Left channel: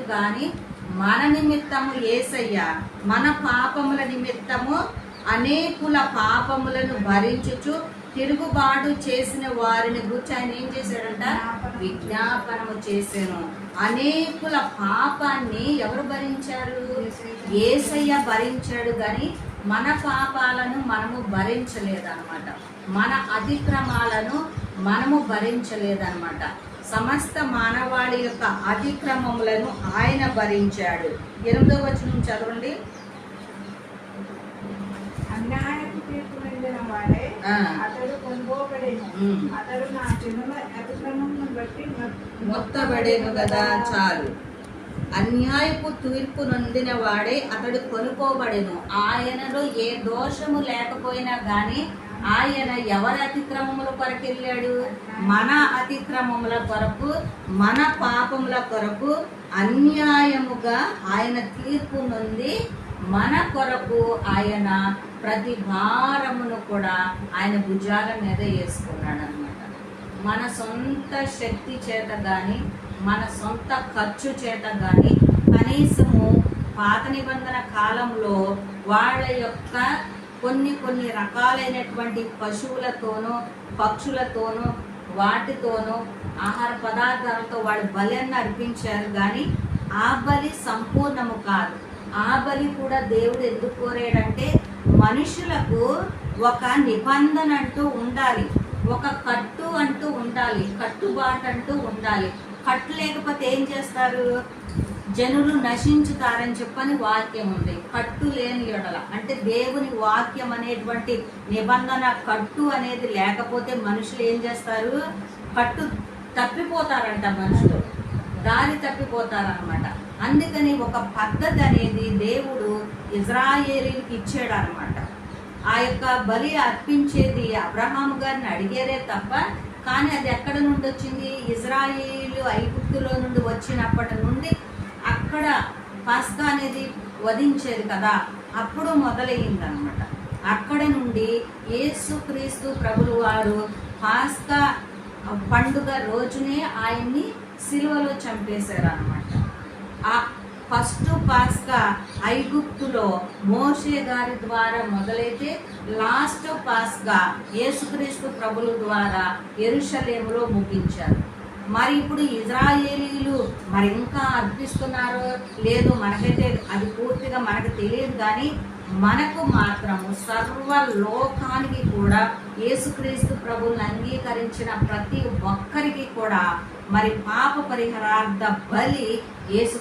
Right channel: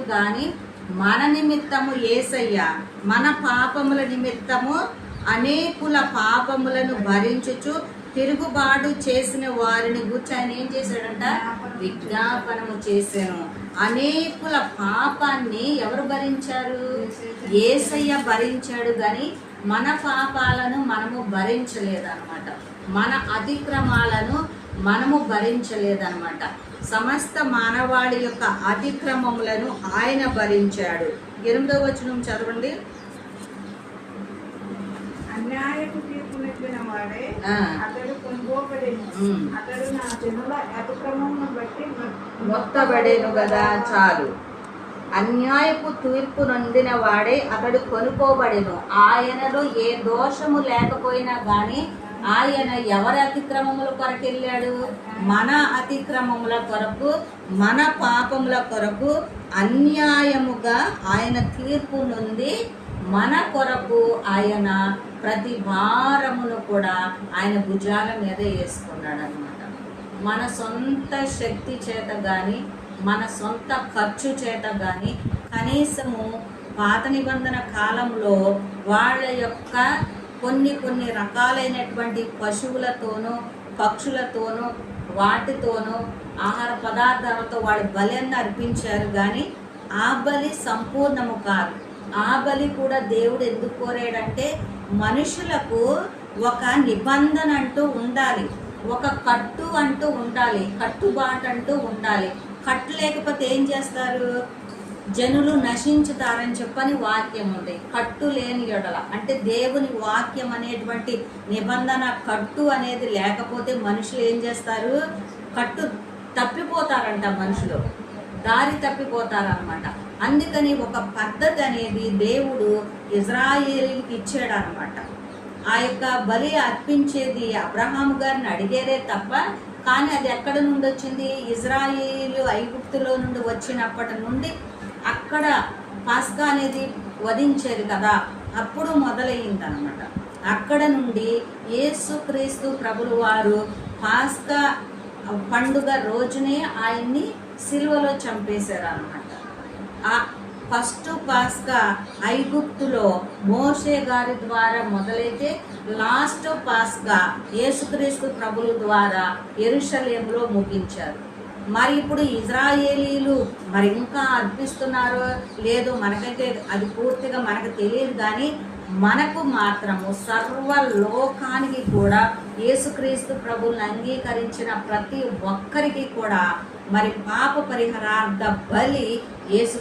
గాని మన నిమిత్తము యేసయ్య మన పాపముల నిమిత్తము అనేకుల పాపములను భరించుచు తిరుగుబాటు చేసిన వారిని గురించి ఆయన ఏం చేశాడంట? విజ్ఞాపనము చేశాను. అనేకుల పాపాన్ని ఎవరు భరించారు? యేసయ్య భరించాడు. గాని మన పాపాలను మనము భరించలేదన్నమాట. మన అతిక్రమాలను మనము భరించలేదన్నమాట. సమస్త మానవాళి యొక్క అతిక్రమములను ఆయన భరించాడు. 8వ వచనం చదవండి. అన్యాయపు తీర్పు నిందిన వాడే అతడు కొనుగోబడేను. అతడు నా జనుల అతిక్రమమును బట్టి మొత్తబడేను కదా. చాలు. అన్యాయపు తీర్పు నొందిన వాడే అతడు కొనుక్కోబడేను. ఆయనలో ఏ దోషము లేకపోయినా గాని ఆయన ఎవరి అతిక్రమముల కొరకు వెళ్ళాడు? మన అతిక్రమముల కొరకు, మన పాపముల కొరకు అన్యాయముగా ఆయన తీర్పు నొంది మన కొరకు ఆయన ప్రతి భారమును కూడా ఆయన భుజాల మీద వేసుకున్నాడు అన్నమాట. మన సొంత శక్తి చేత కానీ, మన సొంత ఖర్చు చేత కానీ, కనీసము పాత నిబంధన కాలంలో వాళ్ళ యొక్క కొన్ని రకాలైనటువంటి పశువులతోనూ పక్షులతోనూ వాటితోనూ ఆహార పదార్థాలతో వాళ్ళు బలిని అర్పించారు. కానీ ఆ బలి సంపూర్ణము కాదు. ఆ బలి కూడా దేవుడు ఎందుకు కోరాడంటే మనుషులకు ఒక నిబంధన అంటూ ఉండాలి, ఒక కట్టు అంటూ ఉండాలి, కట్టుబాటు అంటూ ఉండాలి. కట్టు లేకపోతే ఏం చేస్తారు? జనులు నశించుతారని చెప్పని వాక్యం ఉంది. కట్టు లేని ఎడల అంటే దేవుని వాక్యం అనేటువంటి నిబంధన కట్టు అనేది లేకపోతే మనుషులు ఏం చేస్తారు? కట్టు తప్పిపోతారంట, మనుషులు దారి తప్పిపోతారనమాట. అందుకని ఒక పద్ధతి అనేది దేవుడు ఇజ్రాయేలీకి ఇచ్చాడు అనమాట. ఆ యొక్క బలి అర్పించేది అబ్రహాం గారిని అడిగేదే తప్ప, కానీ అది ఎక్కడ నుండి వచ్చింది? ఇజ్రాయేలు ఐగుప్తులో నుండి వచ్చినప్పటి నుండి అక్కడ పాస్కా అనేది వధించేది కదా, అప్పుడు మొదలయ్యింది అనమాట. అక్కడ నుండి యేసుక్రీస్తు ప్రభులు వారు పాస్కా పండుగ రోజునే ఆయన్ని సిలువలో చంపేశారు అనమాట. ఆ ఫస్ట్ పాస్కా ఐగుప్తులో మోషే గారి ద్వారా మొదలైతే లాస్ట్ పాస్కా యేసుక్రీస్తు ప్రభుల ద్వారా యెరూషలేములో ముగించారు. మరి ఇప్పుడు ఇజ్రాయేలీలు మరి ఇంకా అర్పిస్తున్నారో లేదో మనకైతే అది పూర్తిగా మనకు తెలియదు. కానీ మనకు మాత్రము సర్వలోకానికి కూడా యేసుక్రీస్తు ప్రభువుని అంగీకరించిన ప్రతి ఒక్కరికి కూడా మరి పాప పరిహారార్థ బలి యేసు